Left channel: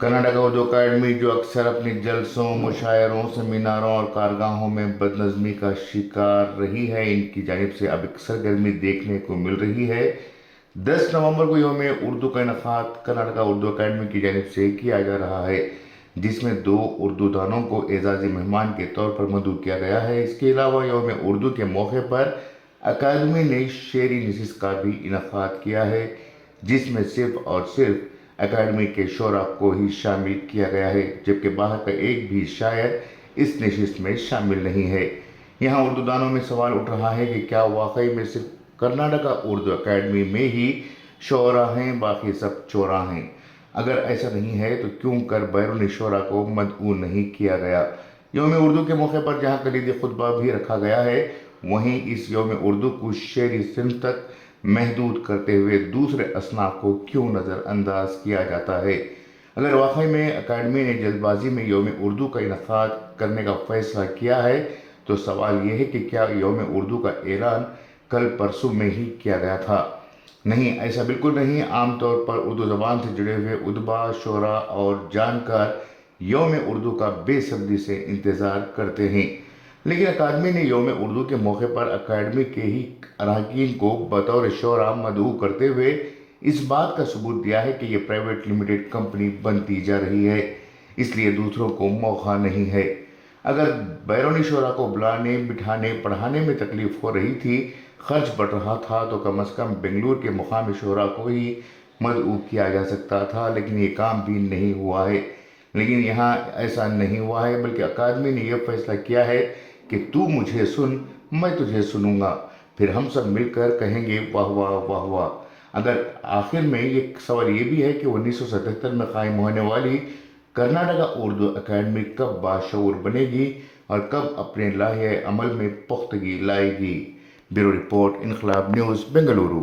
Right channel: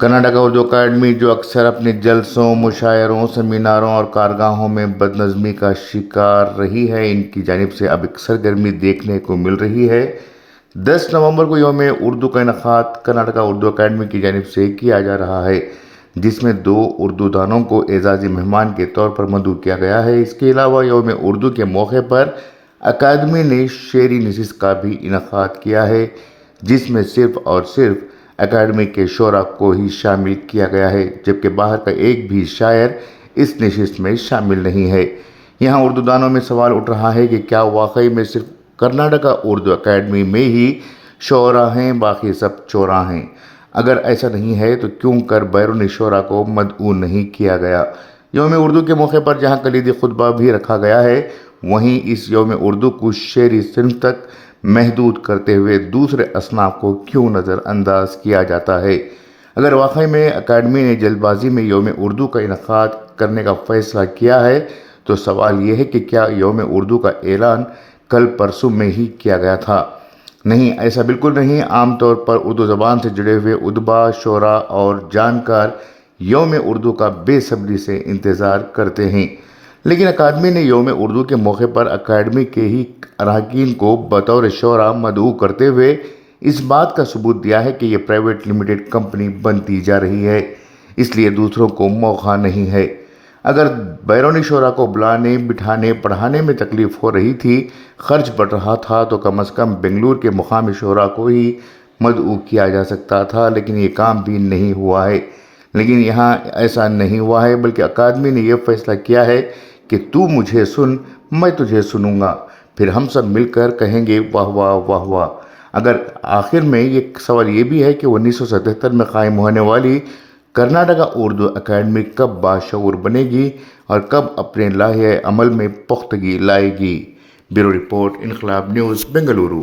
कर्नाटका उर्दू अकादमी, जो अक्सर अपने जलसों, मुशायरों, सेमिनारों और कारगाहों में बदनज़मी का शिकार रही है, इनकी जानिब से अब एक सरगर्मी देखने को मिल रही है। 10 नवंबर को यौम उर्दू का इनेकाद कर्नाटका उर्दू अकादमी की जानिब से किया जा रहा है, जिसमें 2 उर्दू दानों को एजाज़ी मेहमान के तौर पर मदऊ किया गया है। इसके अलावा यौम उर्दू के मौके पर अकादमी ने शेरी नशिस्त का भी इनेकाद किया है, जिसमें सिर्फ़ और सिर्फ अकादमी के शोरा को ही शामिल किया गया है, जबकि बाहर का एक भी शायर इस नशिस्त में शामिल नहीं है। यहाँ उर्दू दानों में सवाल उठ रहा है कि क्या वाकई में सिर्फ कर्नाटका उर्दू अकादमी में ही शोरा हैं, बाकी सब चोरा हैं? अगर ऐसा नहीं है तो क्यों कर बैरूनी शोरा को मदऊ नहीं किया गया? यौम उर्दू के मौके पर जहाँ कलीदी खुतबा भी रखा गया है, वहीं इस यौम उर्दू को शेरी सिन्फ तक महदूद करते हुए दूसरे असनाफ को क्यों नज़रअंदाज किया जाता है? अगर वाकई में अकादमी ने जल्दबाजी में यौम उर्दू का इनेकाद करने का फ़ैसला किया है, तो सवाल ये है कि क्या यौम उर्दू का ऐलान कल परसों में ही किया गया था? नहीं, ऐसा बिल्कुल नहीं। आमतौर पर उर्दू ज़बान से जुड़े हुए उदबा, शोरा और जानकार यौम उर्दू का बेसब्री से इंतज़ार करते हैं, लेकिन अकादमी ने यौम उर्दू के मौके पर अकादमी के ही अरकान को बतौर शोरा मदऊ करते हुए इस बात का सबूत दिया है कि ये प्राइवेट लिमिटेड कंपनी बनती जा रही है, इसलिए दूसरों को मौका नहीं है। अगर बैरूनी शोरा को बुलाने, बिठाने, पढ़ाने में तकलीफ़ हो रही थी, खर्च बढ़ रहा था, तो कम अज़ कम बेंगलुरु के मुकामी शोरा को ही मदऊ किया जा सकता था, लेकिन ये काम भी नहीं हुआ है। लेकिन यहाँ ऐसा नहीं हुआ है, बल्कि अकादमी ने यह फ़ैसला किया है कि तू मुझे सुन, मैं तुझे सुनूंगा, फिर हम सब मिलकर कहेंगे वाह वाह वाह वाह। अगर आखिर में ये सवाल ये भी है कि 1977 में कायम होने वाली कर्नाटका उर्दू अकादमी कब बाशऊर बनेगी और कब अपने लाहे अमल में पुख्तगी लाएगी। ब्यूरो रिपोर्ट, इनकलाब न्यूज़, बेंगलुरु।